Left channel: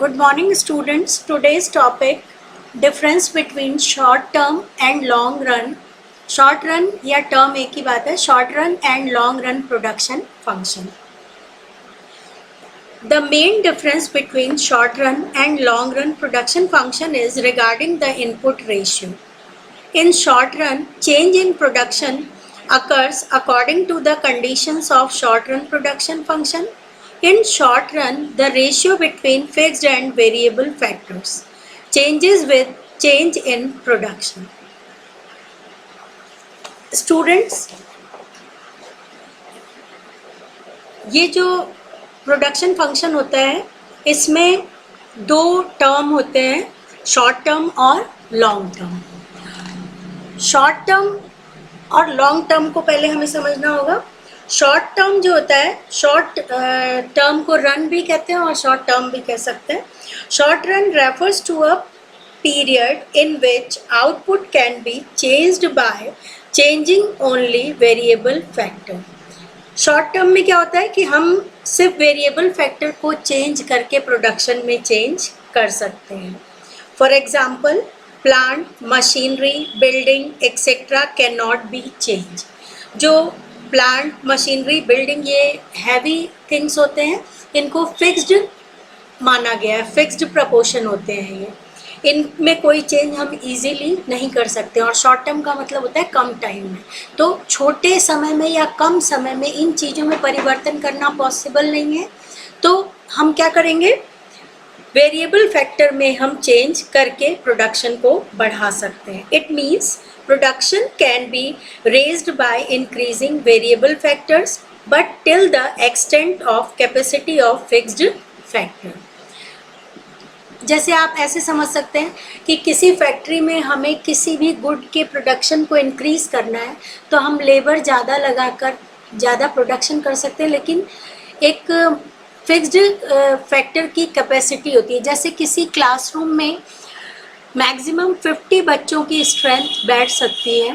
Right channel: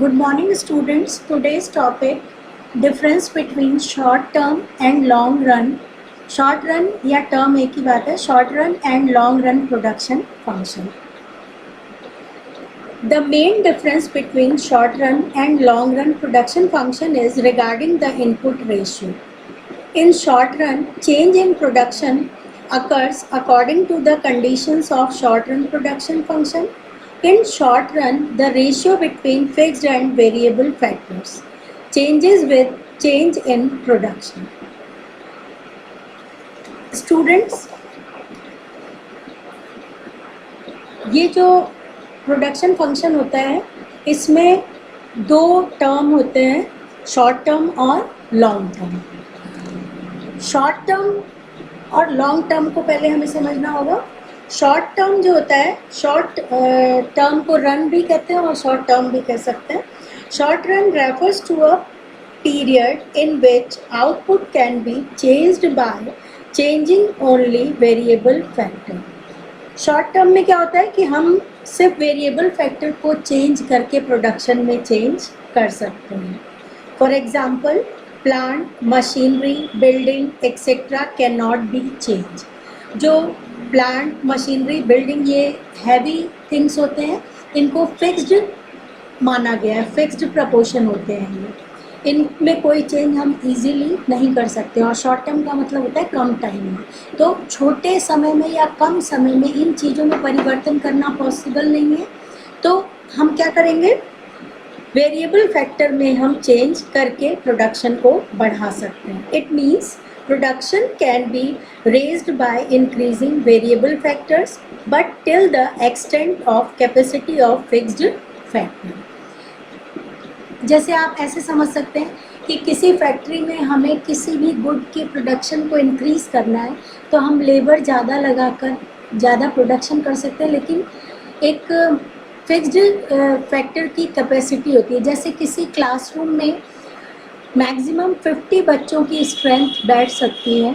Good morning students. Today's topic difference between short term and long run. Short run या term एक ही बात है. Short run and long run production function. The main difference between short run and long run production function is regarding the input ratio. In short run, change in production occurs according to the conditions of short run production function. In short run, the ratio between fixed and variable factors changes with change in production. Students, ये जो production function होता है इसमें दो term होते हैं, short term और long term. Short term और लॉन्ग टर्म को पहले हमें समझना होगा. शॉर्ट टर्म जो होता है, शॉर्ट टर्म को रन भी कहते हैं और शॉर्ट टर्म भी कह सकते हैं. Short run refers to a period in which output can be changed by changing only variable factor. Short term में क्या होता है कि हम सिर्फ वेरिएबल फैक्टर को चेंज करके प्रोडक्शन में चेंज कर सकते हैं. For example, plant, machinery, building etcetera can not be change. जो प्लांट, मशीनरी, बिल्डिंग ये हैवी थिंग्स होते हैं, इनको फिक्स्ड माना गया है, फिक्स्ड प्रपोर्शन होते हैं ये, इनमें कोई चेंज हम इजीली नहीं कर सकते. और शॉर्ट टर्म का मतलब होता है कम टाइम में. तो छोटे समय में या कम समय में इन चीज़ों में परिवर्तन करना पॉसिबल नहीं है. तो हम क्या करेंगे, वेरिएबल फैक्टर में हम चेंज करके प्रोडक्शन को बढ़ा सकते हैं. It means production can be raised by increasing variable factors but till the extent of capacity of fixed factor. जैसे आप ऐसे समझ सकते हैं कि किसी फैक्ट्री में हमें किसी भी गुड के प्रोडक्शन को इंक्रीज़ करना है तो हम लेबर ज़्यादा लगाकर ज़्यादा प्रोडक्शन कर सकते हैं, लेकिन एक फिक्स्ड फैक्टर की कैपेसिटी होती है. जैसे किसी क्लासरूम में मैक्सिमम 50 बच्चों की स्ट्रेंथ बैठ सकती है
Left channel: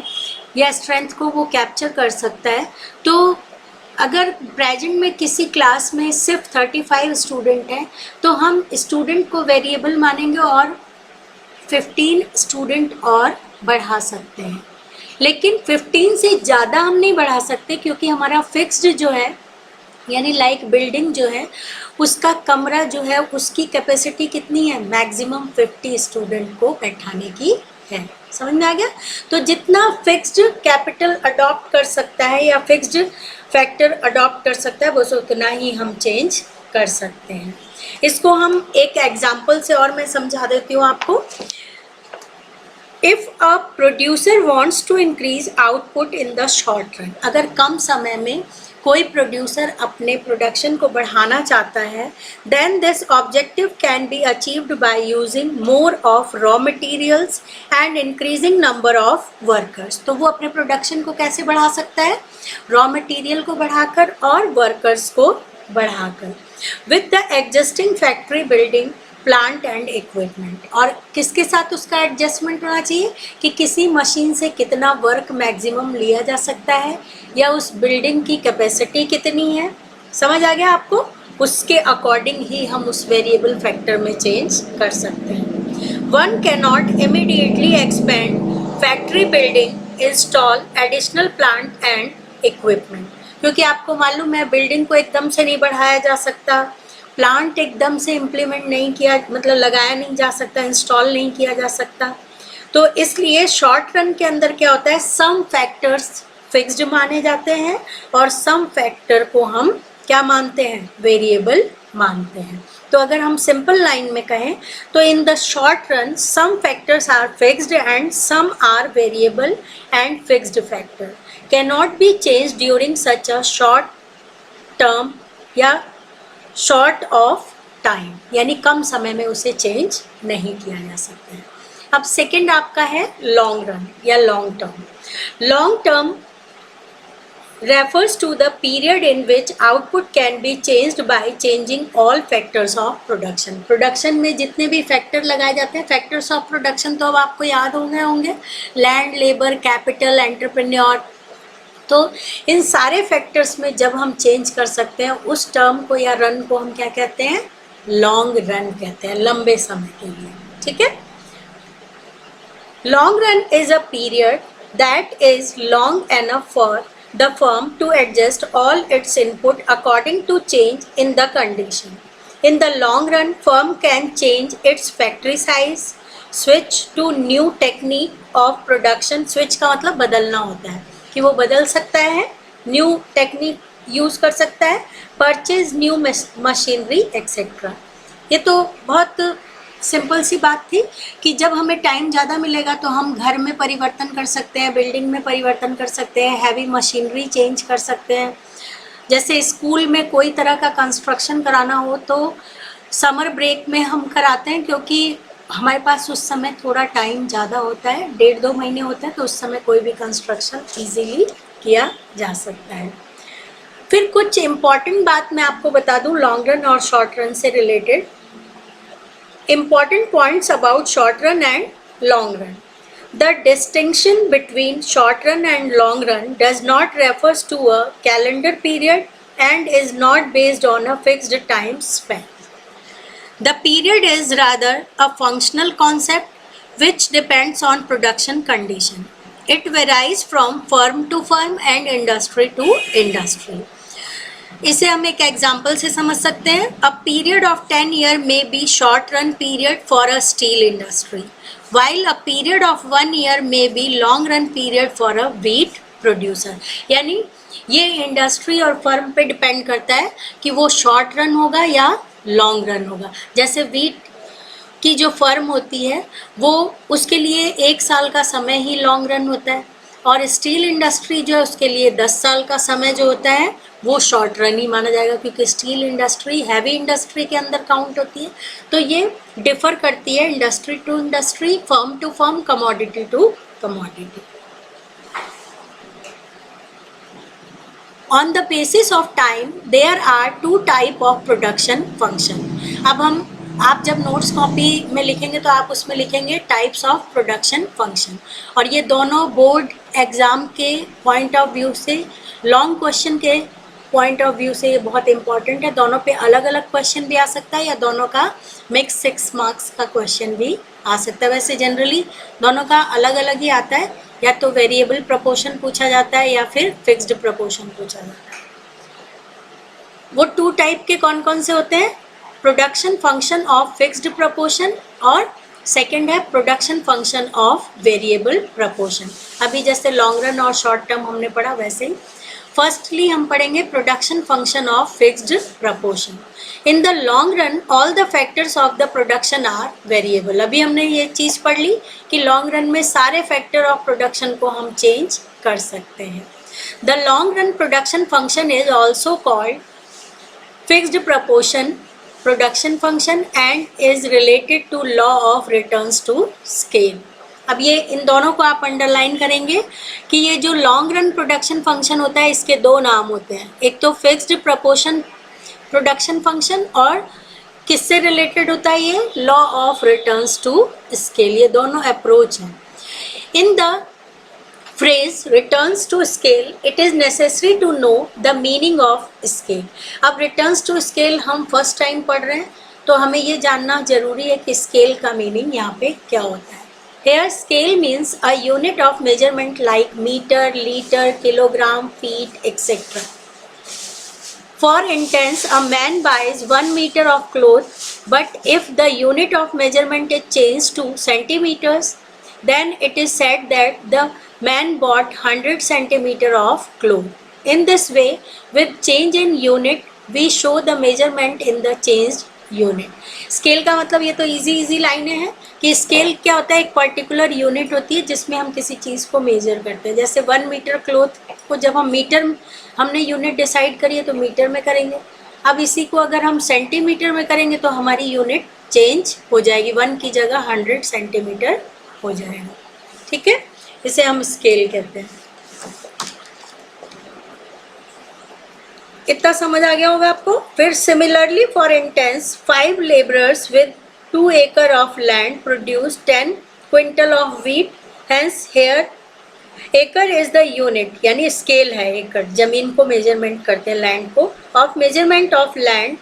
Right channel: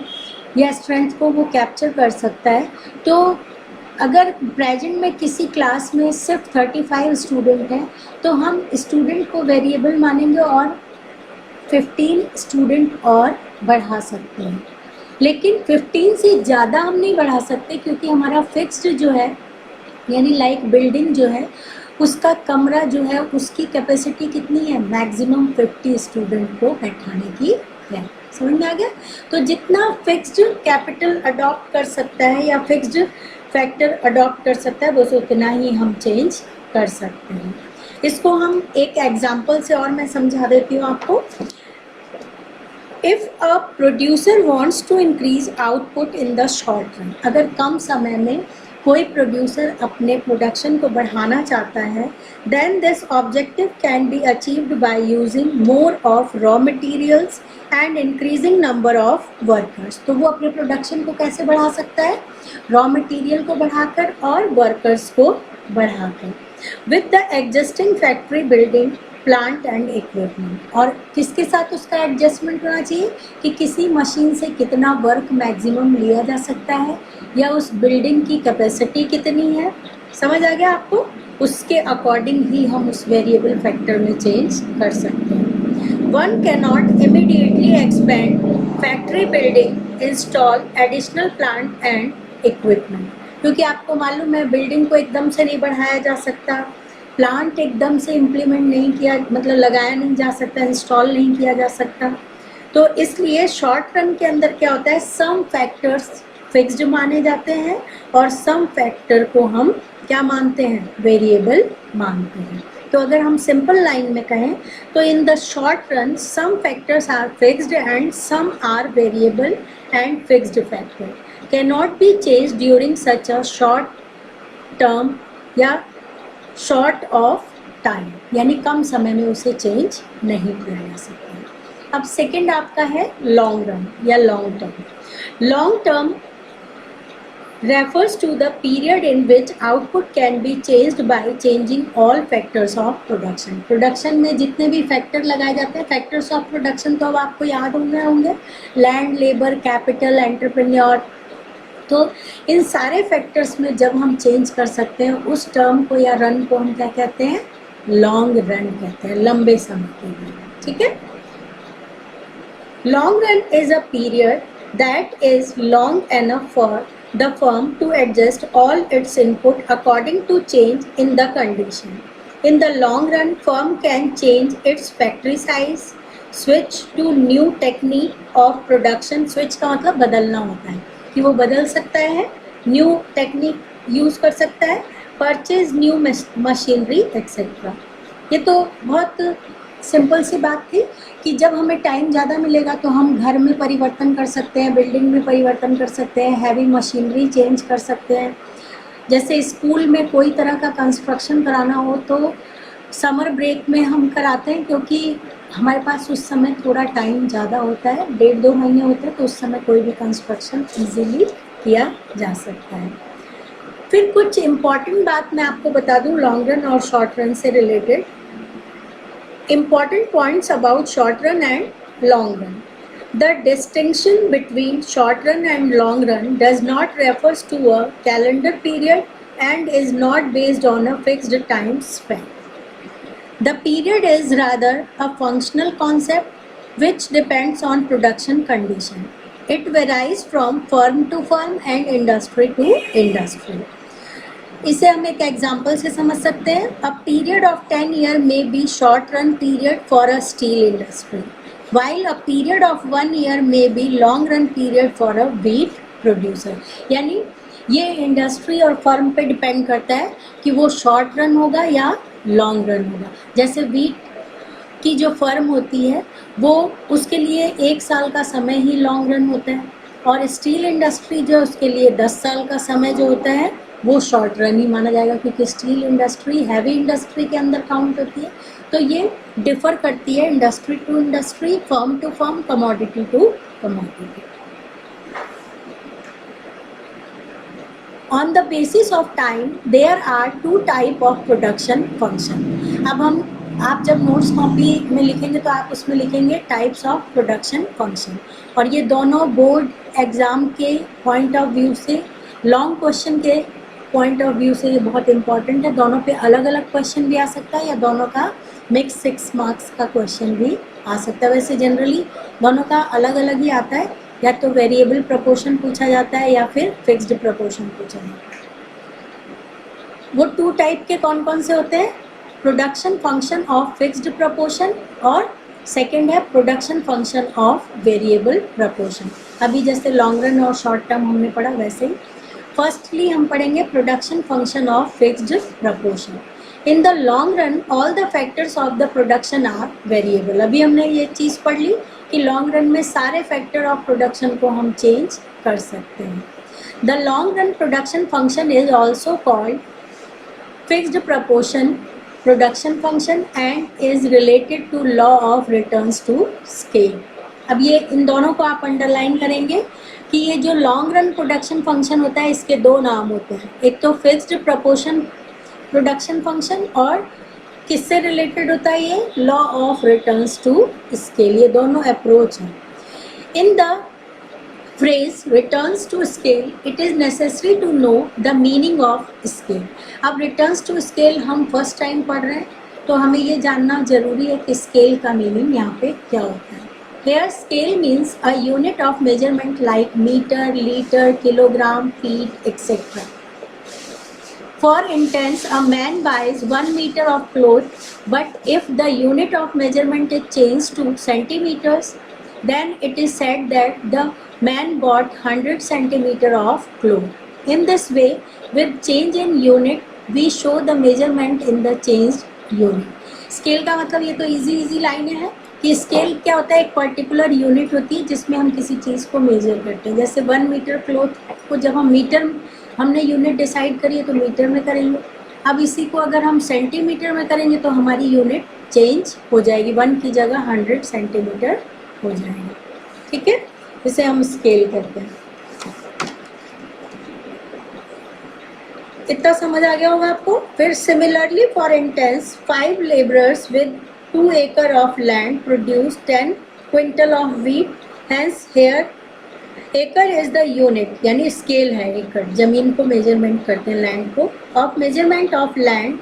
या स्ट्रेंथ को वो कैप्चर कर सकता है. तो अगर प्रेजेंट में किसी क्लास में सिर्फ 35 स्टूडेंट हैं तो हम स्टूडेंट को वेरिएबल मानेंगे और 15 स्टूडेंट और बढ़ा सकते हैं. लेकिन 15 से ज़्यादा हम नहीं बढ़ा सकते क्योंकि हमारा फिक्स्ड जो है, यानी लाइक बिल्डिंग जो है, उसका कमरा जो है उसकी कैपेसिटी कितनी है, मैक्सिमम 50 स्टूडेंट को बैठाने की है. समझ में आ गया. तो जितना फिक्स्ड कैपिटल अडॉप्ट कर सकता है या फिक्स्ड फैक्टर अडॉप्ट कर सकता है बस उतना ही हम चेंज कर सकते हैं. इसको हम एक एग्जांपल से और मैं समझा देती हूँ आपको. If a producer wants to increase output in the short run, अगर कम समय में कोई प्रोड्यूसर अपने प्रोडक्शन को बढ़ाना चाहता है, then this objective can be achieved by using more of raw materials and increasing number of workers. तो वो अपने प्रोडक्शन को कैसे बढ़ा सकता है, रॉ मटेरियल को बढ़ाकर और वर्कर्स को बढ़ाकर. With the existing factory building, plant and equipment. और किसके साथ उसका एडजस्टमेंट होना चाहिए कि किसी मशीन से कितना वर्क मैक्सिमम लिया जा सकता है या उस बिल्डिंग की कैपेसिटी कितनी है. समझ आ गया आपको. उसके अकॉर्डिंग ही हम उस वेरिएबल फैक्टर में चेंज कर सकते हैं. One can not immediately expand factory building, install additional plant and equipment. क्योंकि आपको मालूम है बिल्डिंग को एकदम से नहीं बढ़ाया जा सकता, प्लांट एकदम से इम्प्लीमेंट नहीं किया, मतलब लगाया नहीं जा सकता, इंस्टॉल नहीं किया जा सकता. तो इसलिए शॉर्ट रन के अंदर क्या होता है, सम फैक्टर्स फिक्स्ड माने जाते हैं और सम फैक्टर को हम क्या मानते हैं, वेरिएबल मानते हैं. तो अगर हम सिंपल लाइन में कहें तो in the short run some factors are fixed and some are variable and fixed factor can not be change during such a short term या शॉर्ट ऑफ टाइम, यानी कम समय में उसे चेंज नहीं किया जा सकता है. अब सेकंड आपका है लॉन्ग रन या long term. Long term refers to the period in which output can be changed by changing all factors of production. Production में जितने भी फैक्टर लगाए जाते हैं, फैक्टर्स ऑफ प्रोडक्शन तो अब आपको याद होंगे, लैंड, लेबर, कैपिटल, एंटरप्रेन्योर. तो इन सारे फैक्टर्स में जब हम चेंज कर सकते हैं उस टर्म को या रन को हम क्या कहते हैं, लॉन्ग रन कहते हैं, लंबे समय के लिए, ठीक है। Long run is a period that is long enough for the firm to adjust all its input according to change in the condition. In the long run, firm can change its factory size, switch to new technique of production. Switch का मतलब बदलना होता है कि वो बदल सकता है, new technique यूज कर सकता है, परचेज न्यू मशीनरी एक्सेट्रा। ये तो बहुत सिंपल सी बात थी कि जब हमें टाइम ज़्यादा मिलेगा तो हम घर में परिवर्तन कर सकते हैं, बिल्डिंग में परिवर्तन कर सकते हैं, हैवी मशीनरी चेंज कर सकते हैं। जैसे स्कूल में कोई तरह का कंस्ट्रक्शन कराना हो तो समर ब्रेक में हम कराते हैं, क्योंकि हमारे पास उस समय थोड़ा टाइम ज़्यादा होता है, 1.5-2 महीने होता है, तो उस समय कोई भी कंस्ट्रक्शन ईजीली किया जा सकता है। फिर कुछ इम्पॉर्टेंट बात मैं आपको बता दूँ लॉन्ग रन और शॉर्ट रन से related. Important points about short run and long run. The distinction between short run and long run does not refers to a calendar period and is not based on a fixed time span. The period is rather a functional concept which depends on production condition. It varies from firm to firm and industry to industry. इसे हम एक example से समझ सकते हैं। A period of 10 year may be short run period for a steel industry, while a period of 1 year may be long run period for a wheat producer. यानी ये industry और फर्म पे डिपेंड करता है कि वो शॉर्ट रन होगा या लॉन्ग रन होगा। जैसे व्हीट की जो फर्म होती है वो उसके लिए 1 साल का समय ही लॉन्ग रन होता है, और स्टील इंडस्ट्री जो है उसके लिए 10 साल का समय जो होता है वो शॉर्ट रन ही माना जाएगा, क्योंकि स्टील इंडस्ट्री हैवी इंडस्ट्री के अंदर काउंट होती है। तो ये डिफर करती है industry to industry, firm to firm, commodity to commodity. On the basis of time there are 2 type of production function. अब आप जब नोट्स कॉपी में लिखेंगे तो आप उसमें लिखेंगे टाइप्स ऑफ प्रोडक्शन फंक्शन, और ये दोनों बोर्ड एग्ज़ाम के पॉइंट ऑफ व्यू से, लॉन्ग क्वेश्चन के पॉइंट ऑफ व्यू से ये बहुत इंपॉर्टेंट है। दोनों पे अलग अलग क्वेश्चन भी आ सकता है या दोनों का मिक्स 6 मार्क्स का क्वेश्चन भी आ सकता है। वैसे जनरली दोनों का अलग अलग ही आता है, या तो वेरिएबल प्रपोर्शन पूछा जाता है या फिर फिक्स्ड प्रपोर्शन पूछा जाता है। वो 2 टाइप के कौन कौन से होते हैं? Production function of fixed proportion, और सेकेंड है production function of variable proportion. अभी जैसे लॉन्ग रन और शॉर्ट टर्म हमने पढ़ा वैसे ही फर्स्टली हम पढ़ेंगे production function of fixed proportion. In the long run all the factors of the production are variable. अभी हमने ये चीज़ पढ़ ली कि लॉन्ग रन में सारे फैक्टर ऑफ प्रोडक्शन को हम चेंज कर सकते हैं। The long run production function is also called fixed proportion production function and is related to law of returns to scale. अब ये इन दोनों को आप अंडरलाइन करेंगे कि ये जो लॉन्ग रन प्रोडक्शन फंक्शन होता है इसके 2 नाम होते हैं, एक तो फिक्स्ड प्रपोर्शन प्रोडक्शन फंक्शन, और किससे रिलेटेड होता है ये? Law of returns to scale. ये दोनों अप्रोच हैं। In the phrase returns to scale it is necessary to know the meaning of scale। अब returns to scale हम फर्स्ट टाइम पढ़ रहे हैं तो हमें ये जानना जरूरी है कि स्केल का मीनिंग यहाँ पे क्या होता है। Here scale means a unit of measurement like meter, liter, kilogram, feet, etc. For instance, a man buys 1 meter of cloth, but if the unit of measurement is changed to centimeters, then it is said that the man bought 100 centimeter of cloth. In this way, with change in unit, we show the measurement in the changed unit. Scale का मतलब ये तो easy लाइनें हैं कि scale क्या होता है, एक पर्टिकुलर यूनिट होती है जिसमें हम किसी चीज़ को मेजर करते हैं। जैसे 1 मीटर क्लॉथ को जब हम मीटर, हमने यूनिट डिसाइड करी है तो मीटर में करेंगे। अब इसी को अगर हम सेंटीमीटर में करेंगे तो हमारी यूनिट चेंज हो जाएगी, 1 की जगह 100 सेंटीमीटर हो जाएगा। ठीक है, इसे हम स्केल कहते हैं। इतना समझ आ गया होगा आपको। फिर similarly for instance 5 labourers with 2 acre of land produce 10 quintal of wheat. Hence here एकड़ इज द यूनिट, यानी स्केल है एकड़, जमीन को मेजरमेंट करते हैं लैंड को, of measurement of land.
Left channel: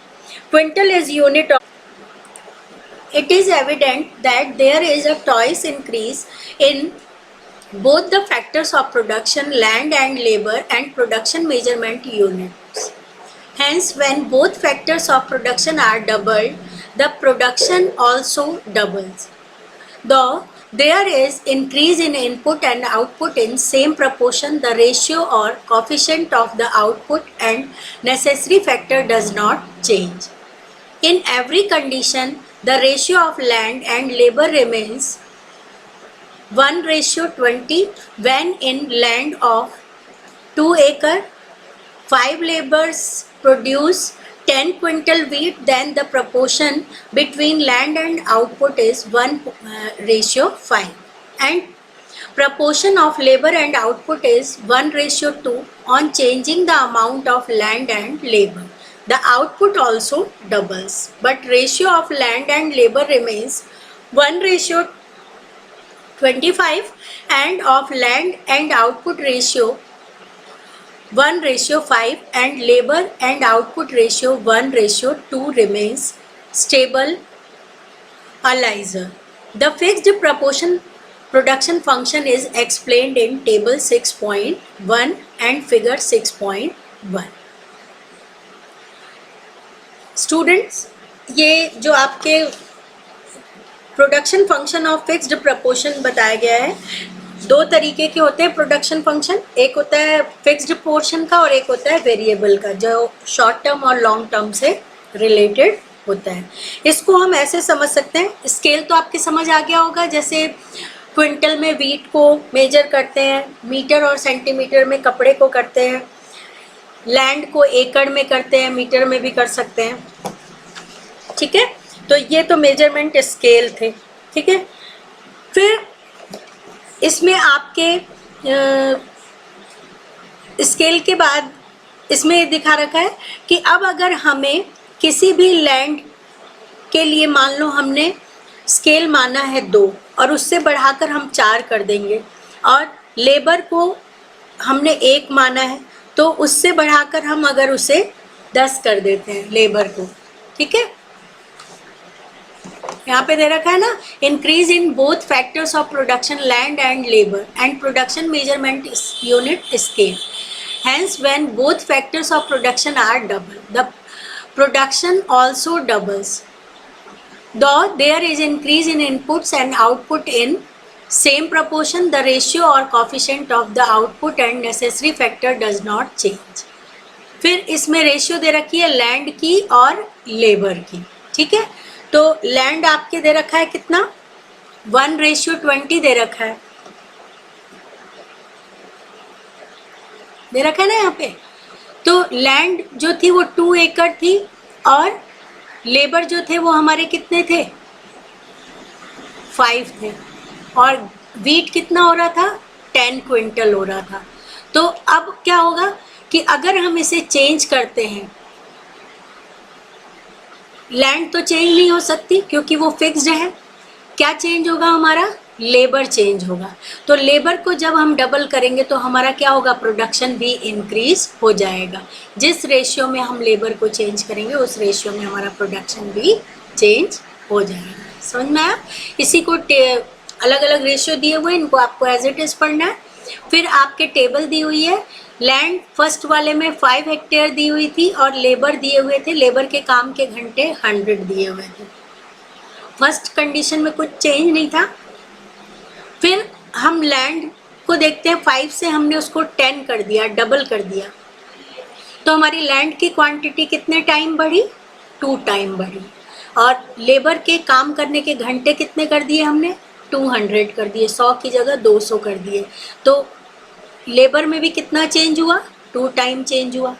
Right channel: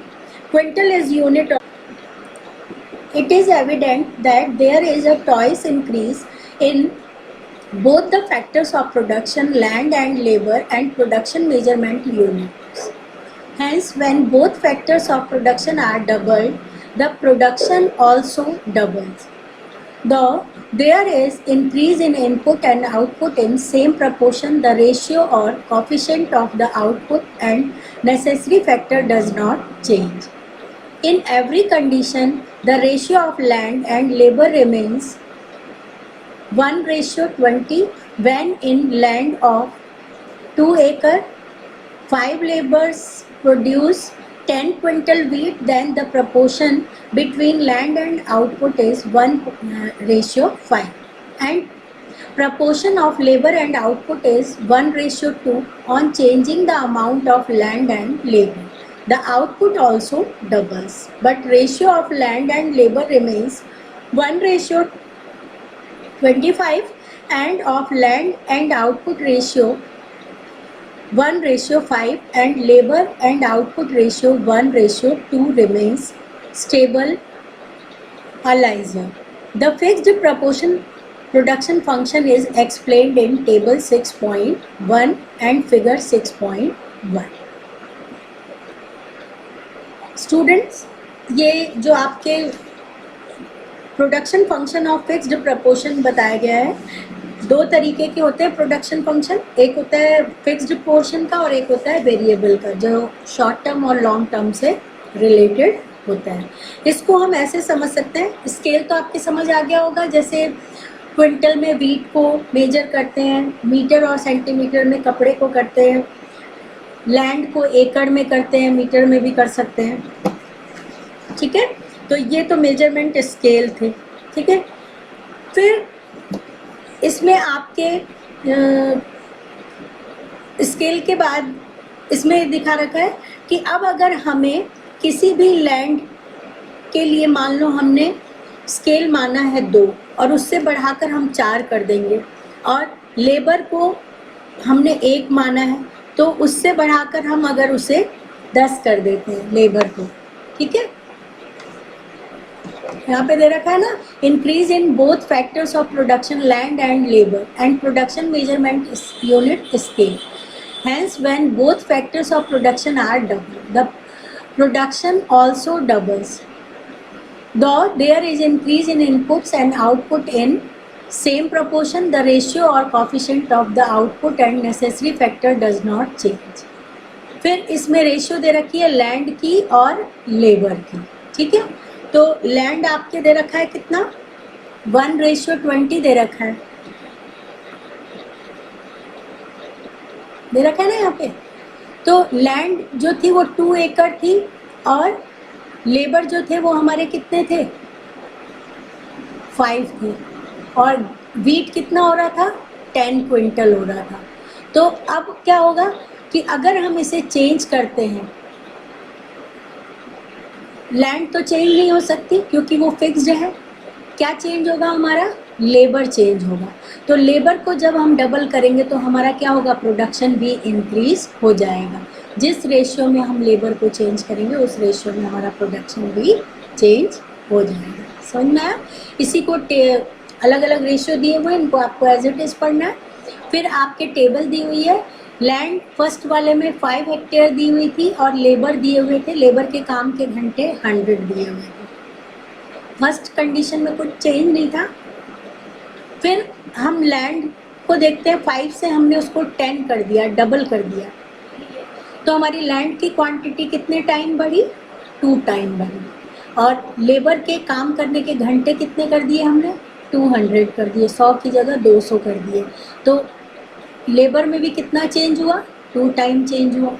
Quintal is unit of it is evident that there is a twice increase in both the factors of production, land and labor, and production measurement units. Hence, when both factors of production are doubled, the production also doubles. Though there is increase in input and output in same proportion, the ratio or coefficient of the output and necessary factor does not change. In every condition, the ratio of land and labor remains 1:20 when in land of 2 acre, 5 laborers produce 10 quintal wheat, then the proportion between land and output is 1:5. And proportion of labor and output is 1:2 on changing the amount of land and labor. The output also doubles, but ratio of land and labor remains 1:25 and of land and output ratio 1:5 and labor and output ratio 1:2 remains stable aligned. The fixed proportion production function is explained in table 6.1 and figure 6.1. Students, ये जो आपके production function of fixed proportion बताया गया है, दो तरीके के होते हैं प्रोडक्शन फंक्शन. एक होता है फिक्स्ड पोर्शन का और एक होता है वेरिएबल का, जो शॉर्ट टर्म और लॉन्ग टर्म से रिलेटेड होता है. इसको हम ऐसे समझ सकते हैं, स्केल तो आपके समझ आ गया होगा. जैसे क्विंटल में वीट को मेजर करते हैं, मीटर और सेंटीमीटर में कपड़े को करते हैं, लैंड को एकड़ में करते हैं, मीटर में भी कर सकते हैं. ठीक है, तो ये तो मेजरमेंट स्केल थे. ठीक है, फिर इसमें आपके स्केल के बाद इसमें ये दिखा रखा है कि अब अगर हमें किसी भी लैंड के लिए मान लो हमने स्केल माना है 2 और उससे बढ़ाकर हम 4 कर देंगे, और लेबर को हमने 1 माना है तो उससे बढ़ाकर हम अगर उसे 10 कर देते हैं लेबर को. ठीक है, यहाँ पे दे रखा है ना, increase in both factors of production land and labour and production measurement unit scale. Hence, when both factors of production are double, the production also doubles. Though there is increase in inputs and output in same proportion, the ratio or coefficient of the output and necessary factor does not change. फिर इसमें ratio दे रखी है land की और labour की. ठीक है, तो लैंड आपके दे रखा है कितना, 1:20 दे रखा है, दे रखा है ना यहाँ पे. तो लैंड जो थी वो 2 एकड़ थी और लेबर जो थे वो हमारे कितने थे, 5 थे, और वीट कितना हो रहा था, 10 क्विंटल हो रहा था. तो अब क्या होगा कि अगर हम इसे चेंज करते हैं, लैंड तो चेंज नहीं हो सकती क्योंकि वो फिक्स्ड है. क्या चेंज होगा हमारा, लेबर चेंज होगा. तो लेबर को जब हम डबल करेंगे तो हमारा क्या होगा, प्रोडक्शन भी इंक्रीज हो जाएगा. जिस रेशियो में हम लेबर को चेंज करेंगे उस रेशियो में हमारा प्रोडक्शन भी चेंज हो जाएगा. समझ में आया. इसी को अलग अलग रेशियो दिए हुए, इनको आपको एज इट इज पढ़ना है. फिर आपके टेबल दी हुई है, लैंड फर्स्ट वाले में 5 हेक्टेयर दी हुई थी और लेबर दिए हुए थे, लेबर के काम के घंटे 100 दिए हुए थे. फर्स्ट कंडीशन में कुछ चेंज नहीं था. फिर हम लैंड को देखते हैं, 5 से हमने उसको 10 कर दिया, डबल कर दिया, तो हमारी लैंड की क्वांटिटी कितने टाइम बढ़ी, 2 टाइम बढ़ी. और लेबर के काम करने के घंटे कितने कर दिए हमने, 200 कर दिए, 100 की जगह 200 कर दिए. तो लेबर में भी कितना चेंज हुआ, 2 टाइम चेंज हुआ.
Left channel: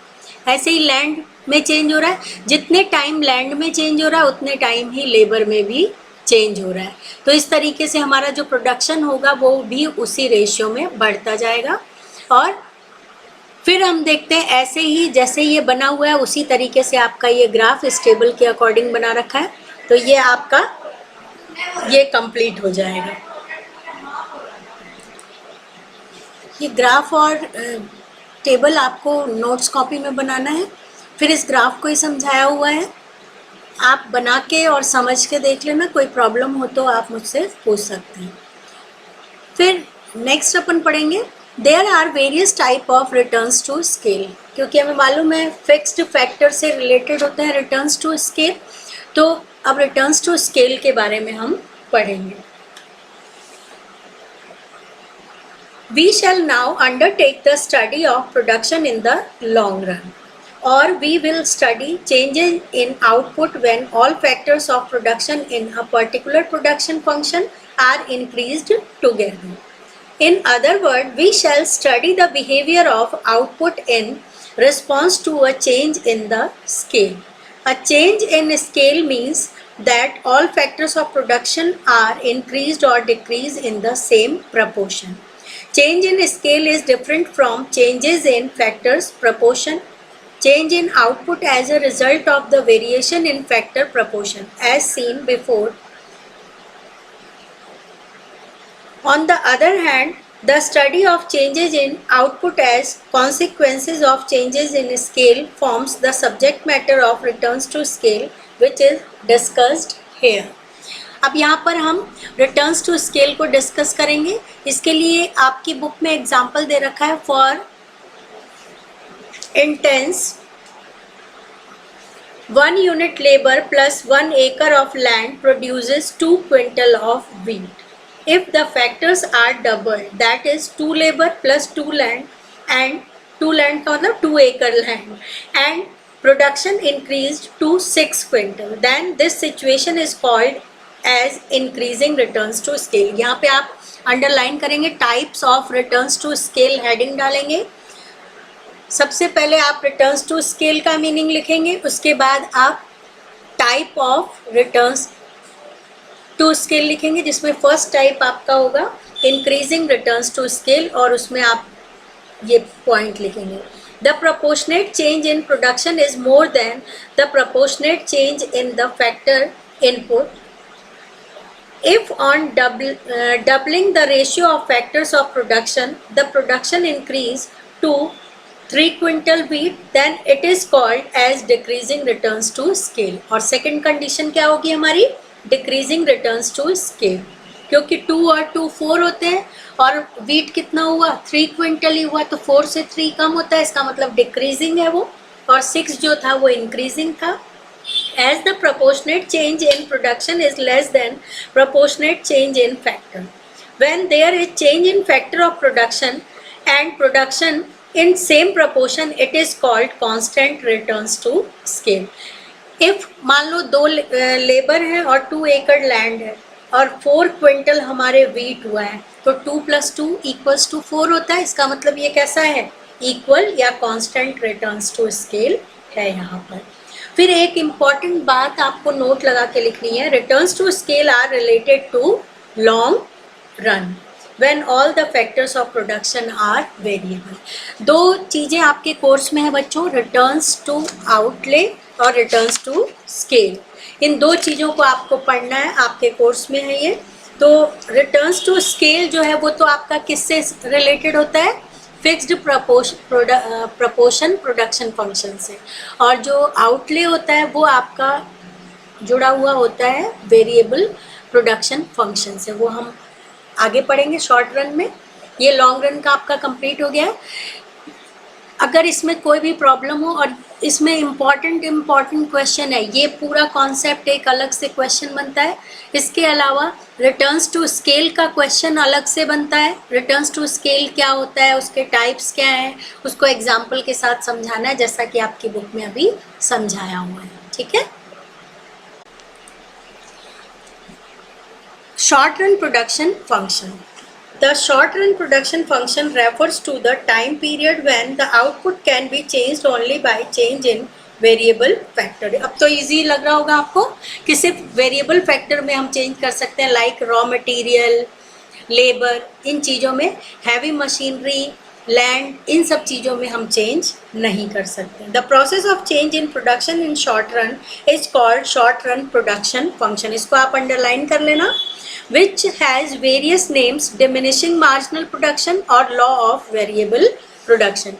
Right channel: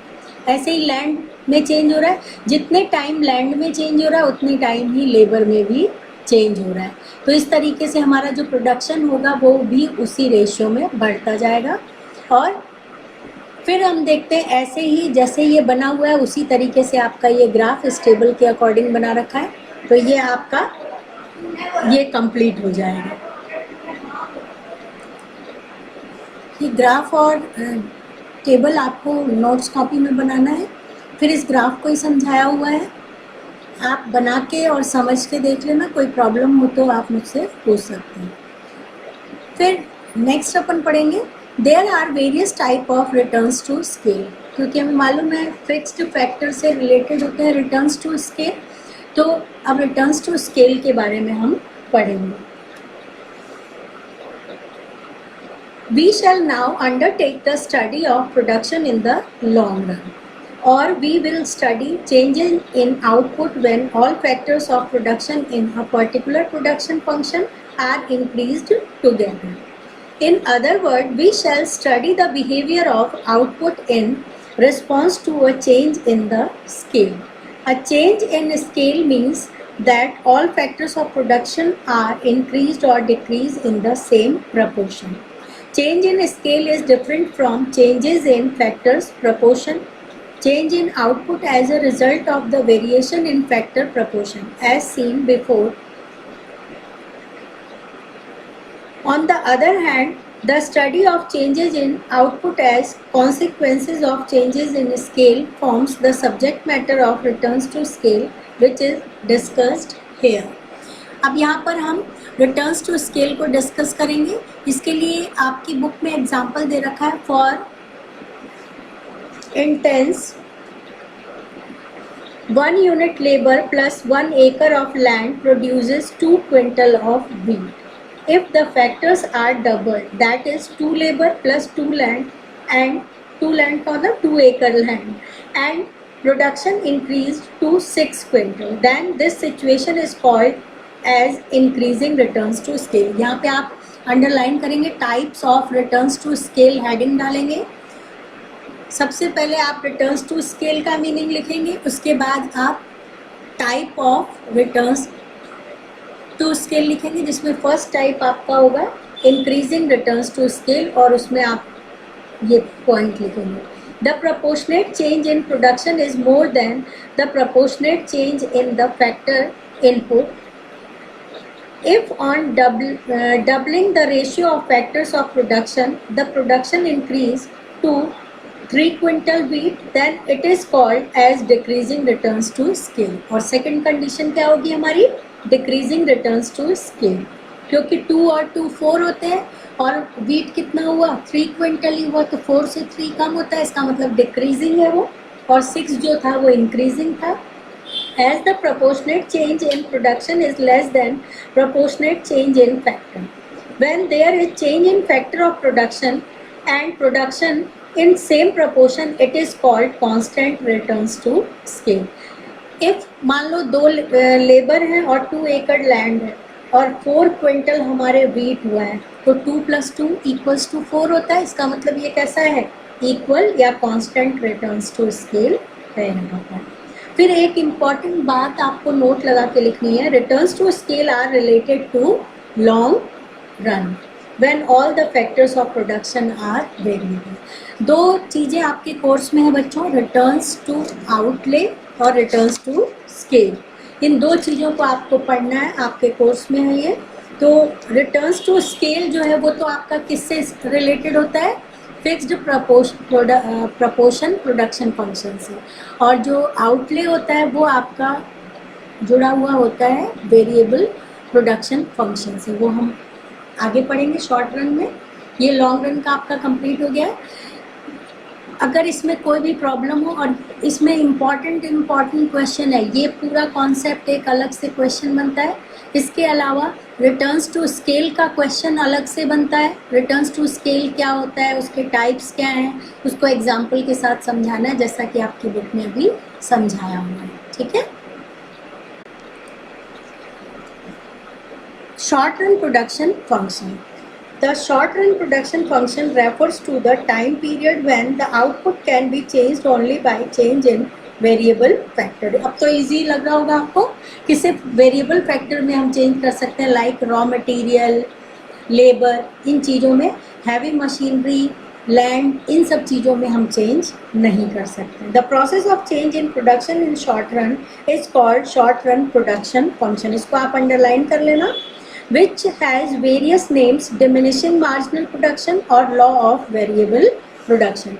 ऐसे ही लैंड में चेंज हो रहा है, जितने टाइम लैंड में चेंज हो रहा है उतने टाइम ही लेबर में भी चेंज हो रहा है. तो इस तरीके से हमारा जो प्रोडक्शन होगा वो भी उसी रेशियो में बढ़ता जाएगा. और फिर हम देखते हैं ऐसे ही जैसे ये बना हुआ है उसी तरीके से आपका ये ग्राफ इस टेबल के अकॉर्डिंग बना रखा है. तो ये आपका ये कंप्लीट हो जाएगा. ये ग्राफ और टेबल आपको नोट्स कॉपी में बनाना है. फिर इस ग्राफ को ही समझाया हुआ है. आप बना के और समझ के देख लेना, कोई प्रॉब्लम हो तो आप मुझसे पूछ सकते हैं। फिर नेक्स्ट अपन पढ़ेंगे there are various type of returns to scale, क्योंकि हमें मालूम है फिक्स्ड फैक्टर से रिलेटेड होते हैं रिटर्न्स टू स्केल, तो अब रिटर्न्स टू स्केल के बारे में हम पढ़ेंगे। We shall now undertake the study of production in the long run, or we will study changes in output when all factors of production in a particular production function are increased together. In other words, we shall study the behavior of output in response to a change in the scale. A change in scale means that all factors of production are increased or decreased in the same proportion. Change in scale is different from changes in factors proportion. Change in output as a result of the variation in factor proportion as seen before. On the other hand, the study of changes in output as consequences of changes in scale forms the subject matter of returns to scale, which is discussed here. अब यहाँ पर हम returns to scale को discuss करेंगे। इसके लिए आपकी book में एग्जाम्पल दे रखा है for intense 1 unit labor plus 1 acre of land produces 2 quintal of wheat. If the factors are doubled, that is 2 labor plus 2 land and 2 land का मतलब 2 acre land, and production increased to 6 quintal, then this situation is called as increasing returns to scale. यहाँ पे आप underline करेंगे types of returns to scale, heading डालेंगे। सबसे पहले आप रिटर्न्स टू स्केल का मीनिंग लिखेंगे, उसके बाद आप type of returns to scale लिखेंगे, जिसमें फर्स्ट टाइप आपका होगा इंक्रीजिंग रिटर्न्स टू स्केल, और उसमें आप ये पॉइंट लिखेंगे the proportionate change in production is more than the proportionate change in the factor input. If on doubling the ratio of factors of production, the production increase to 3 quintal wheat, then it is called as decreasing returns to scale. और second condition क्या होगी हमारी? Decreasing returns to scale, क्योंकि 2 और 2 4 होते हैं और wheat कितना हुआ? 3 क्विंटल ही हुआ, तो 4 से 3 कम होता है, इसका मतलब decreasing है वो, और 6 जो था वो increasing था. As the proportionate change in production is less than proportionate change in factor. When there is change in factor of production and production in same proportion, it is called constant returns to scale. If मान लो 2 labour है और 2 एकड़ land है और 4 quintal हमारे wheat हुआ है, तो 2 + 2 = 4 होता है, इसका मतलब ये कैसा है? इक्वल या कांस्टेंट रिटर्न्स टू स्केल है यहाँ पर. फिर एक इम्पॉर्टेंट बात आपको नोट लगा के लिखनी है, returns to scale are related to long run when all the factors of production are variable. 2 चीज़ें आपके कोर्स में है बच्चों, रिटर्न्स टू आउटले और रिटर्न्स टू स्केल. इन 2 चीज़ों को आपको पढ़ना है, आपके कोर्स में है ये. तो रिटर्न्स टू स्केल जो है वो तो आपका किससे रिलेटेड होता है? फिक्स्ड प्रपोर्शन प्रोडक्शन फंक्शन से, और जो आउटले होता है वो आपका जुड़ा हुआ होता है वेरिएबल प्रोडक्शन फंक्शन से. वो हम आगे पढ़ेंगे शॉर्ट रन में. ये लॉन्ग रन का आपका कंप्लीट हो गया है. अगर इसमें कोई भी प्रॉब्लम हो, और इसमें इम्पॉर्टेंट क्वेश्चन है, ये पूरा कॉन्सेप्ट एक अलग से क्वेश्चन बनता है. इसके अलावा रिटर्न्स टू स्केल का क्वेश्चन अलग से बनता है. रिटर्न्स टू स्केल क्या होता है, उसके टाइप्स क्या हैं, उसको एग्जाम्पल के साथ समझाना है, जैसा कि आपकी बुक में अभी समझाया हुआ है. ठीक है. Short run production function. The short run production function refers to the time period when the output can be changed only by change in variable factor. अब तो easy लग रहा होगा आपको कि सिर्फ variable factor में हम change कर सकते हैं, like raw material, labor, इन चीज़ों में, heavy machinery, land, इन सब चीज़ों में हम change नहीं कर सकते. The process of change in production in short run is called short run production function. इसको आप underline कर लेना. Which has various names, diminishing marginal production or law of variable production.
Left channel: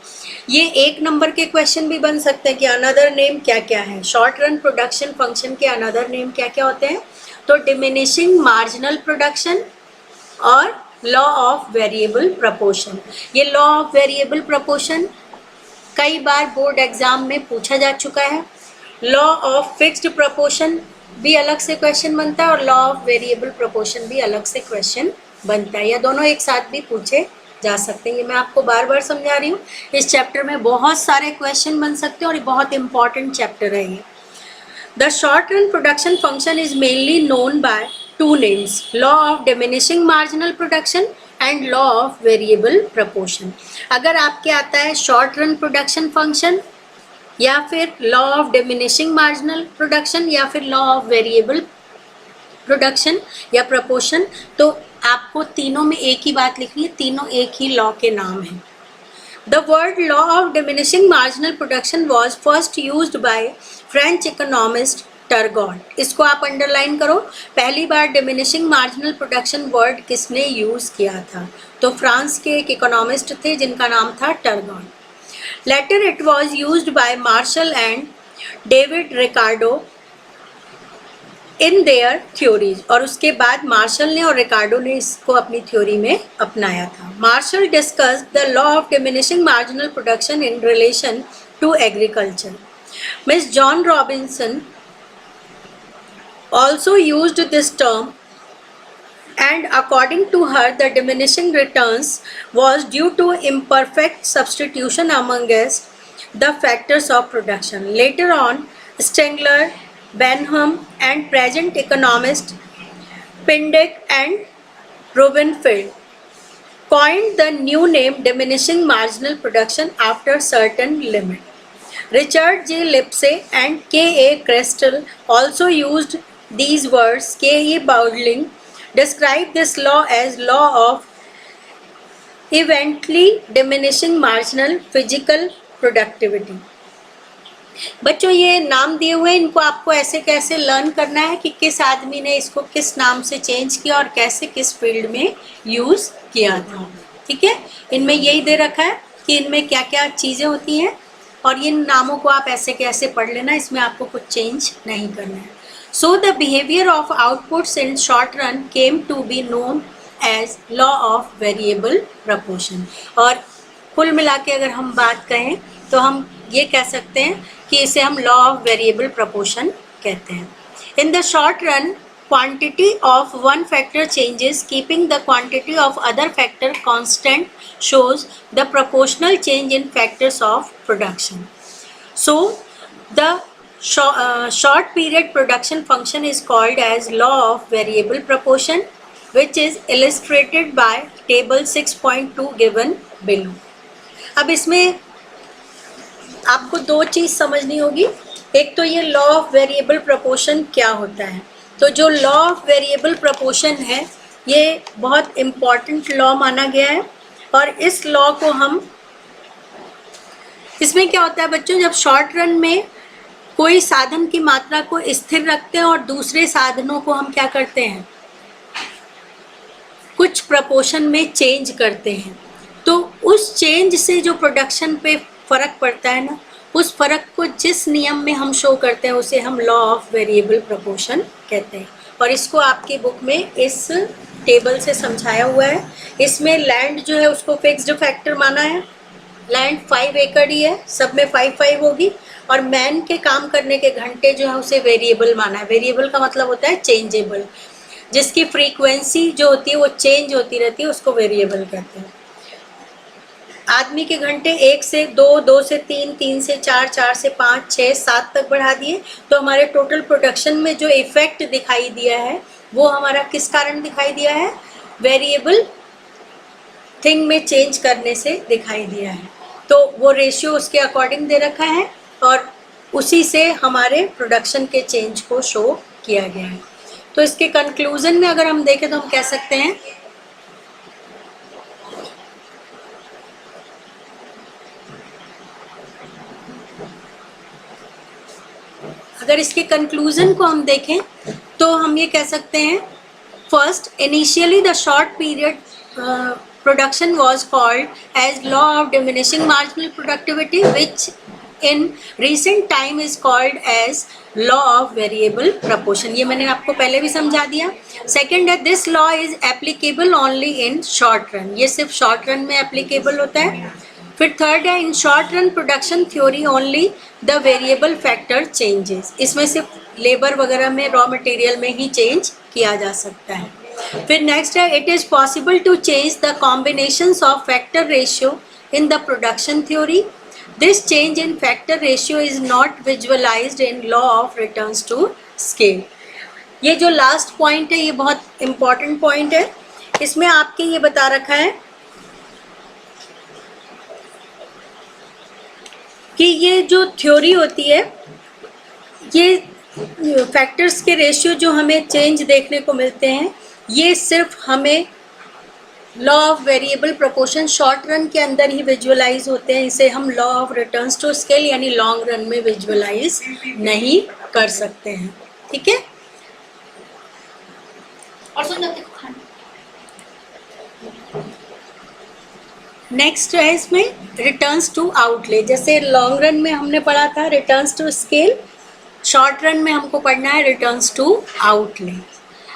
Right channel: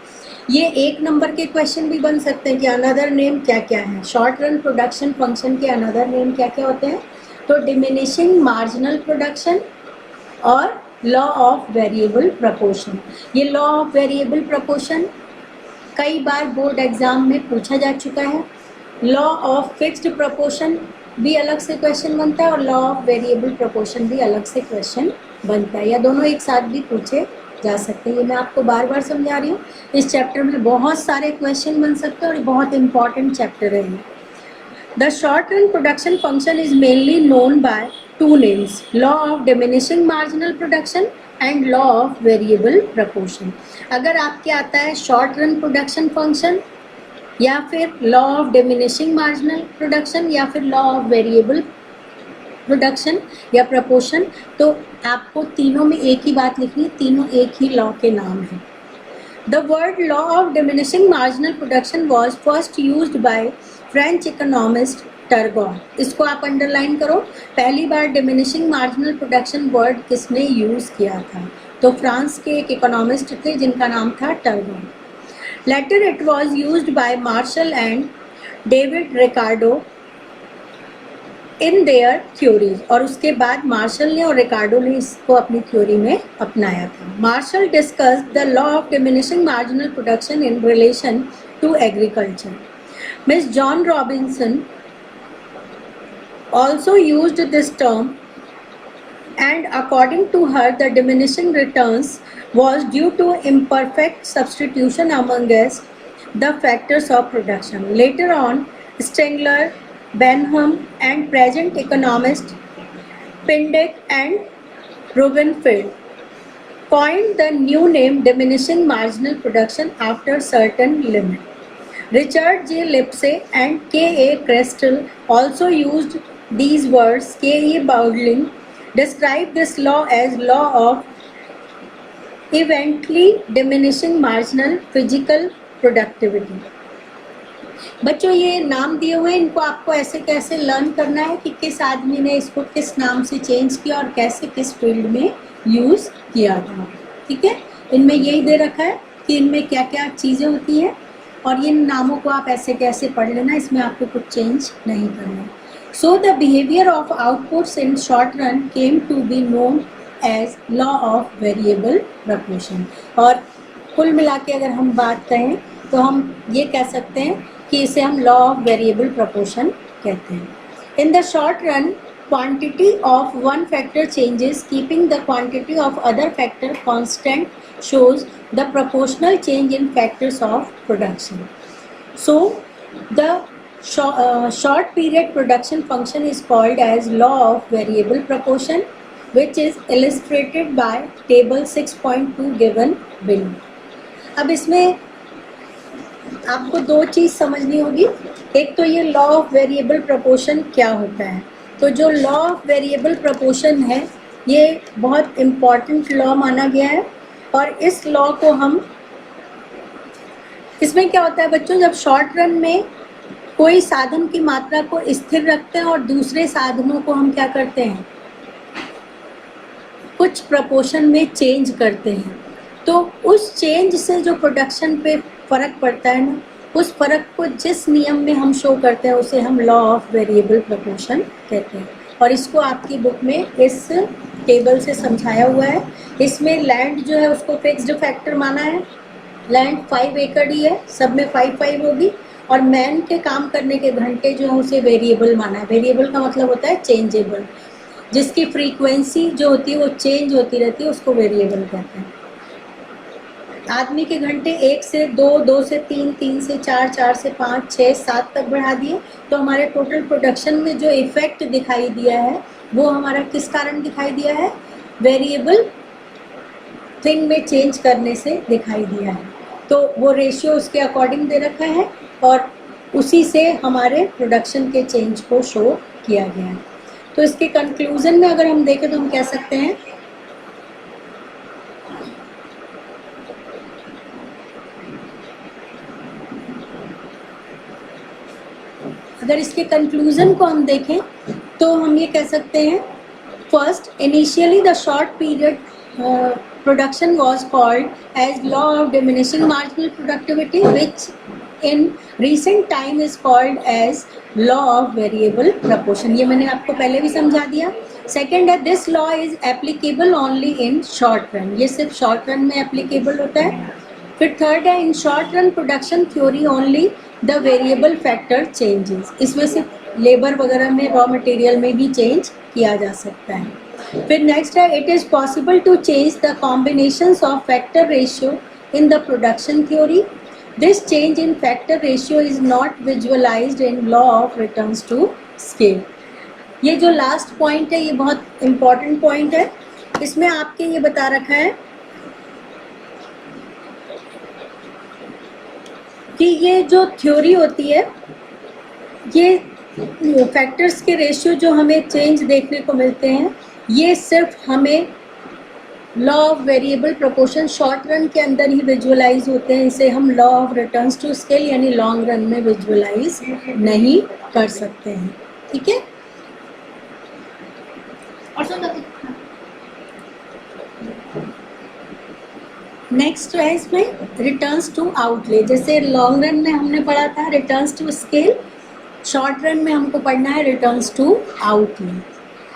ये एक नंबर के क्वेश्चन भी बन सकते हैं कि अनदर नेम क्या क्या है, शॉर्ट रन प्रोडक्शन फंक्शन के अनदर नेम क्या क्या होते हैं। तो डिमिनिशिंग मार्जिनल प्रोडक्शन और लॉ ऑफ वेरिएबल प्रपोर्शन। ये लॉ ऑफ वेरिएबल प्रपोर्शन कई बार बोर्ड एग्जाम में पूछा जा चुका है। लॉ ऑफ फिक्स्ड प्रपोर्शन भी अलग से क्वेश्चन बनता है और लॉ ऑफ वेरिएबल प्रपोर्शन भी अलग से क्वेश्चन बनता है, या दोनों एक साथ भी पूछे जा सकते हैं। ये मैं आपको बार बार समझा रही हूँ। इस चैप्टर में बहुत सारे क्वेश्चन बन सकते हैं और ये बहुत इंपॉर्टेंट चैप्टर है ये। The short run production function is mainly known by two names, law of diminishing marginal production and law of variable proportion। अगर आपके आता है शॉर्ट रन प्रोडक्शन फंक्शन या फिर law of diminishing marginal production या फिर लॉ ऑफ वेरिएबल प्रोडक्शन या proportion, तो आपको तीनों में एक ही बात लिखनी है, तीनों एक ही लॉ के नाम है। The word law of diminishing marginal production was first used by French economist टर्गॉट। इसको आप अंडरलाइन करो, पहली बार डिमिनिशिंग मार्जिनल प्रोडक्शन वर्ड किसने यूज किया था, तो फ्रांस के एक इकोनॉमिस्ट थे जिनका नाम था Turgot. Later it was used by Marshall and David Ricardo in their theories, और उसके बाद मार्शल ने और रिकार्डो ने इसको अपनी थ्योरी में अपनाया था। Marshall discussed the law of diminishing marginal production in relation to agriculture. Miss John Robinson also used this term, and according to her the diminishing returns was due to imperfect substitution amongst the factors of production. Later on, Stengler, Benham and present economist Pindyck and Rubenfeld coined the new name diminishing marginal production after certain limit. Richard J. Lipsey and K.A. Crestel also used these words. K.E. Bowdling described this law as law of eventually diminishing marginal physical productivity। बच्चों ये नाम दिए हुए, इनको आपको ऐसे कैसे learn करना है कि किस आदमी ने इसको किस नाम से चेंज किया और कैसे किस फील्ड में यूज किया था। ठीक है, इनमें यही दे रखा है कि इनमें क्या क्या चीज़ें होती हैं और इन नामों को आप ऐसे कैसे पढ़ लेना, इसमें आपको कुछ चेंज नहीं करना है। So the behavior of outputs in short run came to be known as law of variable proportion। और कुल मिला के अगर हम बात कहें तो हम ये कह सकते हैं कि इसे हम law of variable proportion कहते हैं। In the short run, quantity of one factor changes keeping the quantity of other factor constant shows the proportional change in factors of production। So the short period production function is called as law of variable proportion, which is illustrated by table 6.2 given below। अब इसमें आपको दो चीज़ समझनी होगी, एक तो ये law of variable proportion क्या होता है। तो जो लॉ ऑफ वेरिएबल प्रपोर्शन है ये बहुत इम्पॉर्टेंट लॉ माना गया है, और इस लॉ को हम, इसमें क्या होता है बच्चों, जब शॉर्ट रन में कोई साधन की मात्रा को स्थिर रखते हैं और दूसरे साधनों को हम क्या करते हैं, कुछ प्रपोर्शन में चेंज करते हैं, तो उस चेंज से जो प्रोडक्शन पे फर्क पड़ता है ना, उस फर्क को जिस नियम में हम शो करते हैं उसे हम लॉ ऑफ वेरिएबल प्रपोर्शन कहते हैं। और इसको आपकी बुक में इस टेबल से समझाया हुआ है। इसमें लैंड जो है उसको फिक्स्ड फैक्टर माना है, लैंड 5 एकड़ ही है, सब में 5 होगी, और मैन के काम करने के घंटे जो है उसे वेरिएबल माना है। वेरिएबल का मतलब होता है चेंजेबल, जिसकी फ्रीक्वेंसी जो होती है वो चेंज होती रहती है, उसको वेरिएबल कहते हैं। आदमी के घंटे 1 से 2, 2 से 3, 3 से 4, 4 से 5, 6, 7 तक बढ़ा दिए, तो हमारे टोटल प्रोडक्शन में जो इफेक्ट दिखाई दिया है वो हमारा किस कारण दिखाई दिया है, वेरिएबल थिंग में चेंज करने से दिखाई दिया है। तो वो रेशियो उसके अकॉर्डिंग दे रखा है और उसी से हमारे प्रोडक्शन के चेंज को शो किया गया है। तो इसके कंक्लूजन में अगर हम देखें तो हम कह सकते हैं अगर इसके कंक्लूजन को हम देखें तो हम ये कह सकते हैं, first, initially the short period production was called as law of diminishing marginal productivity, which in recent time is called as law of variable proportion. ये मैंने आपको पहले भी समझा दिया. सेकेंड है, this law is applicable only in short run. ये सिर्फ शॉर्ट रन में एप्लीकेबल होता है. फिर थर्ड है, in short run production theory only the variable factor changes. इसमें सिर्फ लेबर वगैरह में, रॉ मटेरियल में ही चेंज किया जा सकता है. फिर नेक्स्ट है, it is possible to change the combinations of factor ratio in the production theory. This change in factor ratio is not visualized in law of returns to scale. ये जो last point है ये बहुत important point है. इसमें आपके ये बता रखा है कि ये जो थ्योरी होती है, ये फैक्टर्स के रेशियो जो हमें चेंज देखने को मिलते हैं, ये सिर्फ हमें law of variable proportion short run के अंदर ही विजुअलाइज होते हैं. इसे हम law of returns to scale यानी लॉन्ग रन में विजुअलाइज नहीं कर सकते हैं. ठीक है. और नेक्स्ट है इसमें रिटर्न्स टू आउटले. जैसे लॉन्ग रन में हमने पढ़ा था returns to scale, short run में हमको पढ़ना है returns to outlay.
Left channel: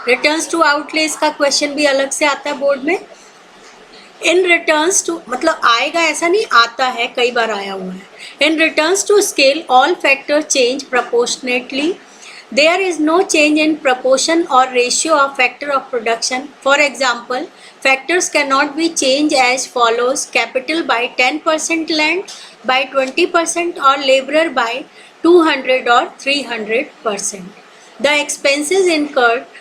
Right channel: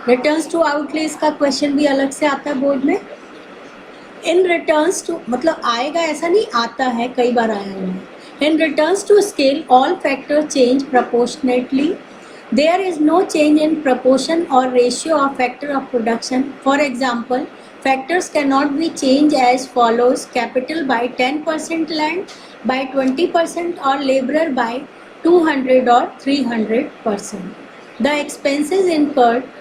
Returns to outlay इसका क्वेश्चन भी अलग से आता है बोर्ड में. इन रिटर्न्स टू, मतलब आएगा ऐसा नहीं, आता है, कई बार आया हुआ है. In returns to scale all factor change proportionately. There is no change in proportion और ratio of factor of production. For example, factors can not be change as follows: capital by 10%, land by 20% और labourer by 200 और 300%. The expenses incurred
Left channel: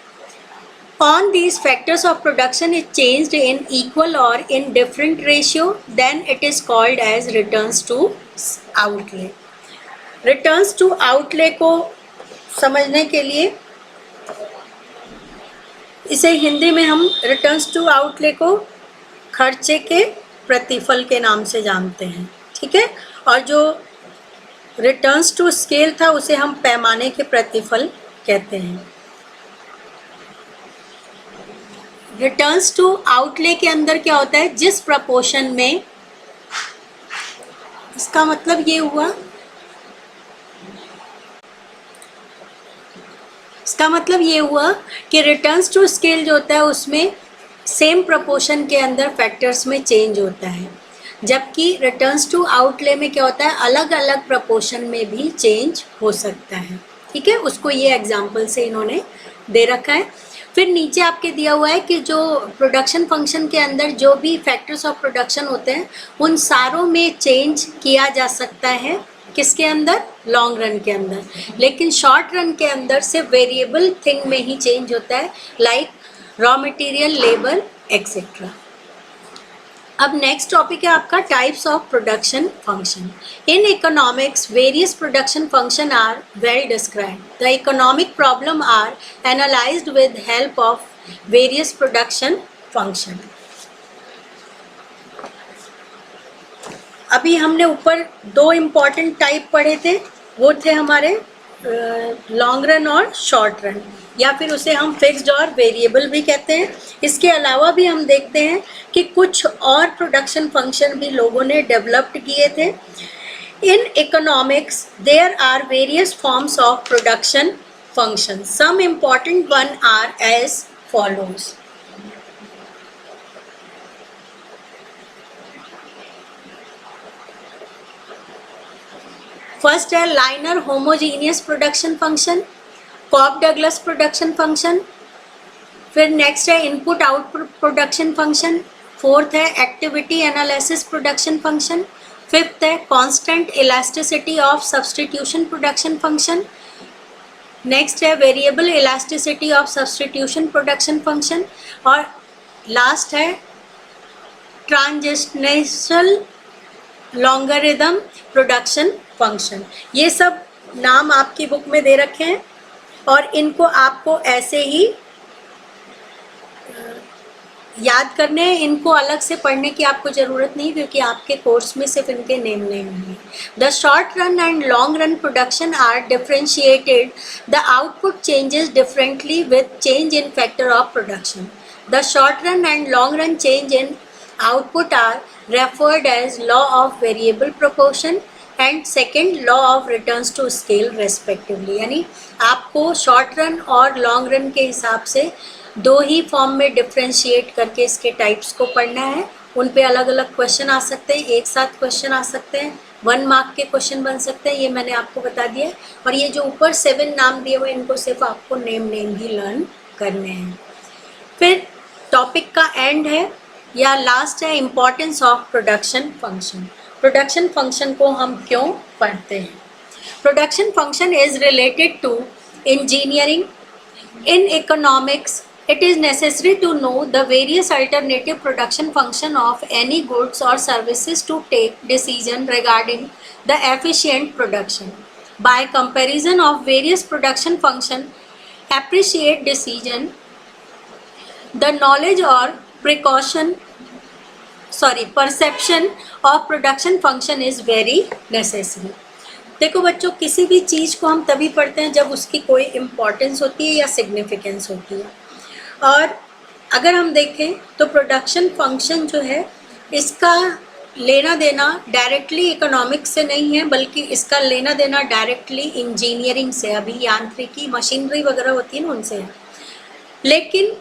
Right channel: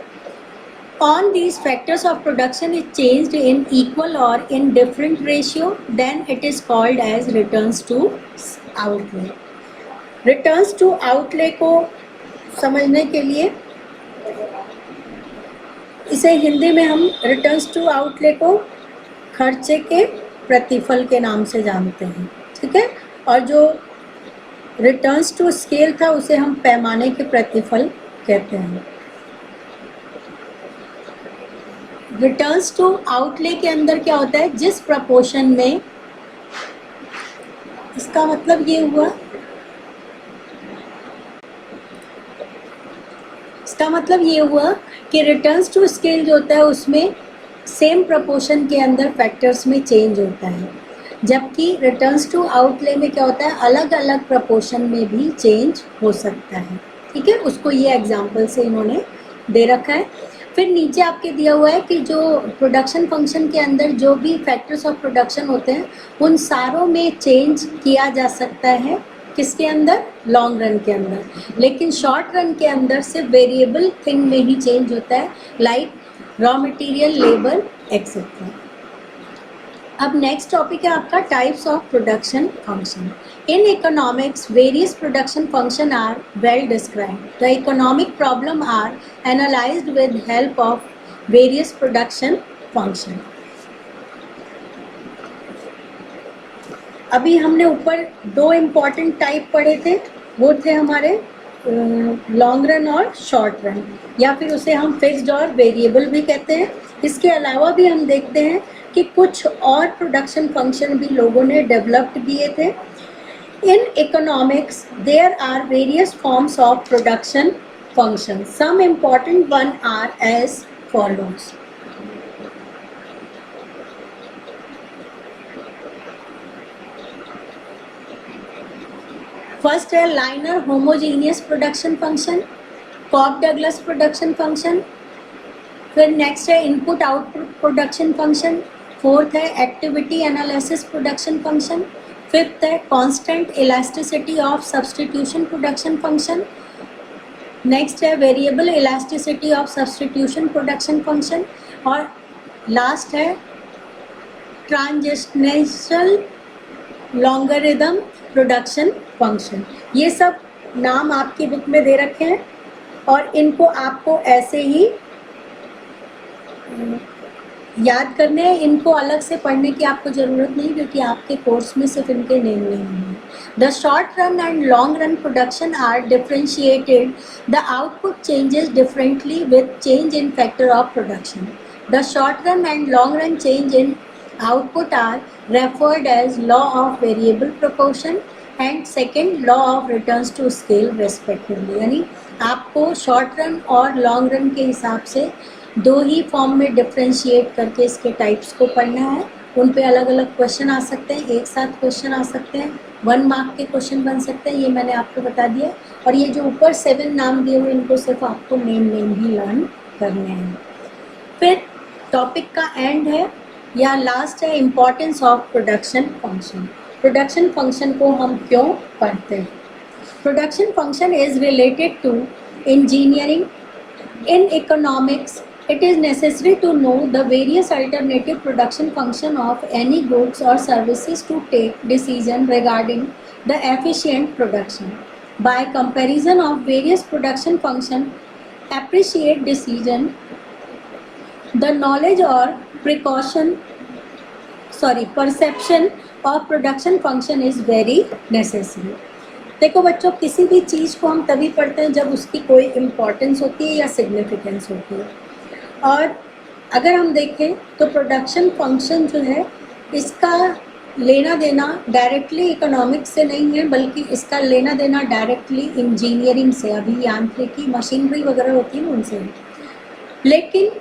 on these factors of production is changed in equal or in different ratio, then it is called as returns to outlay. Returns to outlay को समझने के लिए इसे हिंदी में हम returns to outlay को खर्चे के प्रतिफल के नाम से जानते हैं. ठीक है. और जो रिटर्न्स टू स्केल था उसे हम पैमाने के प्रतिफल कहते हैं. रिटर्न्स टू आउटले के अंदर क्या होता है, जिस प्रपोर्शन में, इसका मतलब ये हुआ, इसका मतलब ये हुआ कि रिटर्न्स टू स्केल जो होता है उसमें सेम प्रपोर्शन के अंदर फैक्टर्स में चेंज होता है, जबकि रिटर्न्स टू आउटले में क्या होता है, अलग अलग प्रपोर्शन में भी चेंज हो सकता है. ठीक है. उसको ये एग्जाम्पल से इन्होंने दे रखा है. फिर नीचे आपके दिया हुआ है कि जो प्रोडक्शन फंक्शन के अंदर जो भी फैक्टर्स ऑफ प्रोडक्शन होते हैं उन सारों में चेंज किया जा सकता है. किसके अंदर? लॉन्ग रन के अंदर. लेकिन शॉर्ट रन के अंदर सिर्फ वेरिएबल थिंग में ही चेंज होता है, like raw material, labour etcetera. अब नेक्स्ट टॉपिक है आपका types of production function. In economics various production function are well described. The economic problem are analysed with help of various production function. अभी हमने ऊपर दो important type पढ़े थे, वो थे हमारे लॉन्ग रन और शॉर्ट रन, या फिर उसे हम फिक्स्ड और वेरिएबल भी कहते हैं. इसके अलावा भी हम देखते हैं कि कुछ और प्रोडक्शन फंक्शन भी लोगों ने डेवलप्ड किए थे. In economics there are various forms of production function. Some important one are as follows. First है linear homogeneous production function, Cobb Douglas production function. फिर नेक्स्ट है input output production function. Fourth है activity analysis production function. Fifth है constant elasticity of substitution production function. Next है variable elasticity of substitution production function. और last है transitional logarithm production function. ये सब नाम आपकी बुक में दे रखे हैं और इनको आपको ऐसे ही याद करने हैं. इनको अलग से पढ़ने की आपको ज़रूरत नहीं, क्योंकि आपके कोर्स में सिर्फ इनके नेम नहीं होंगे. The short run and long run production are differentiated. The output changes differently with change in factor of production. The short run and long run change in Output are referred as law of variable proportion and second law of returns to scale respectively. यानी आपको short run और long run के हिसाब से दो ही form में differentiate करके इसके टाइप्स को पढ़ना है। उन पे अलग अलग क्वेश्चन आ सकते हैं, एक साथ क्वेश्चन आ सकते हैं, 1 मार्क के क्वेश्चन बन सकते हैं, ये मैंने आपको बता दिया। और ये जो ऊपर 7 नाम दिए हुए इनको सिर्फ आपको नेम ही लर्न करने हैं। फिर टॉपिक का एंड है या लास्ट है importance of production function. Production function को हम क्यों पढ़ते हैं? Production function is related to engineering. In economics it is necessary to know the various alternative production function of any goods or services to take decision regarding the efficient production. By comparison of various production function, appreciate decision, the knowledge or perception of production function is very necessary. देखो बच्चों, किसी भी चीज़ को हम तभी पढ़ते हैं जब उसकी कोई इम्पोर्टेंस होती है या सिग्निफिकेंस होती है। और अगर हम देखें तो प्रोडक्शन फंक्शन जो है इसका लेना देना डायरेक्टली इकोनॉमिक्स से नहीं है, बल्कि इसका लेना देना डायरेक्टली इंजीनियरिंग से, अभी यांत्रिकी मशीनरी वगैरह होती है ना उनसे है। लेकिन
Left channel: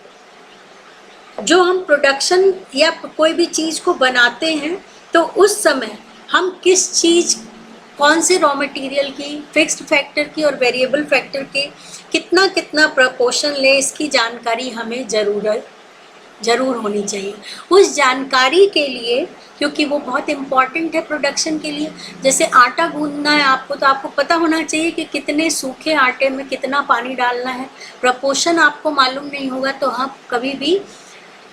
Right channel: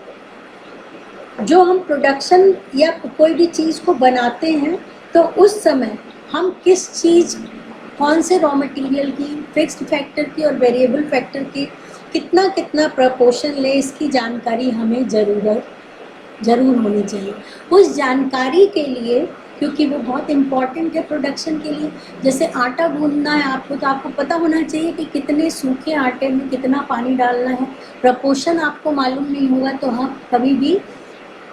जो हम प्रोडक्शन या कोई भी चीज़ को बनाते हैं तो उस समय हम किस चीज़, कौन से रॉ मटेरियल की, फिक्स्ड फैक्टर की और वेरिएबल फैक्टर की कितना कितना प्रपोर्शन ले, इसकी जानकारी हमें ज़रूर होनी चाहिए। उस जानकारी के लिए, क्योंकि वो बहुत इम्पॉर्टेंट है प्रोडक्शन के लिए। जैसे आटा गूंदना है आपको, तो आपको पता होना चाहिए कि कितने सूखे आटे में कितना पानी डालना है। प्रपोर्शन आपको मालूम नहीं होगा तो हम कभी भी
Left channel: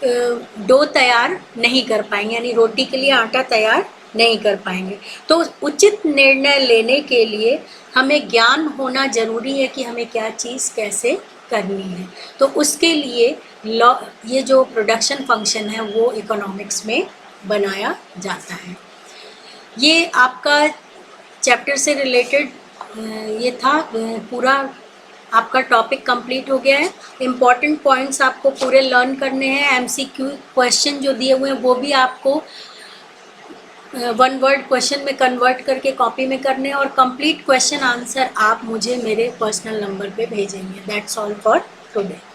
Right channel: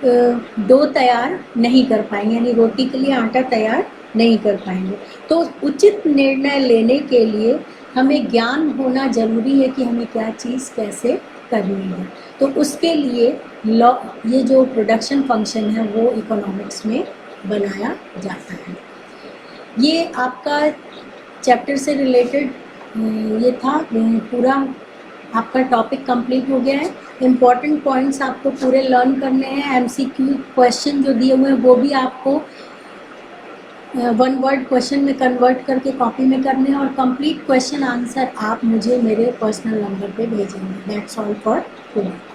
डो तैयार नहीं कर पाएंगे, यानी रोटी के लिए आटा तैयार नहीं कर पाएंगे। तो उचित निर्णय लेने के लिए हमें ज्ञान होना ज़रूरी है कि हमें क्या चीज़ कैसे करनी है। तो उसके लिए ये जो प्रोडक्शन फंक्शन है वो इकोनॉमिक्स में बनाया जाता है। ये आपका चैप्टर से रिलेटेड ये था, पूरा आपका टॉपिक कंप्लीट हो गया है। इम्पॉर्टेंट पॉइंट्स आपको पूरे लर्न करने हैं। एमसीक्यू क्वेश्चन जो दिए हुए हैं वो भी आपको 1 वर्ड क्वेश्चन में कन्वर्ट करके कॉपी में करने हैं, और कंप्लीट क्वेश्चन आंसर आप मुझे मेरे पर्सनल नंबर पे भेजेंगे। That's all for today.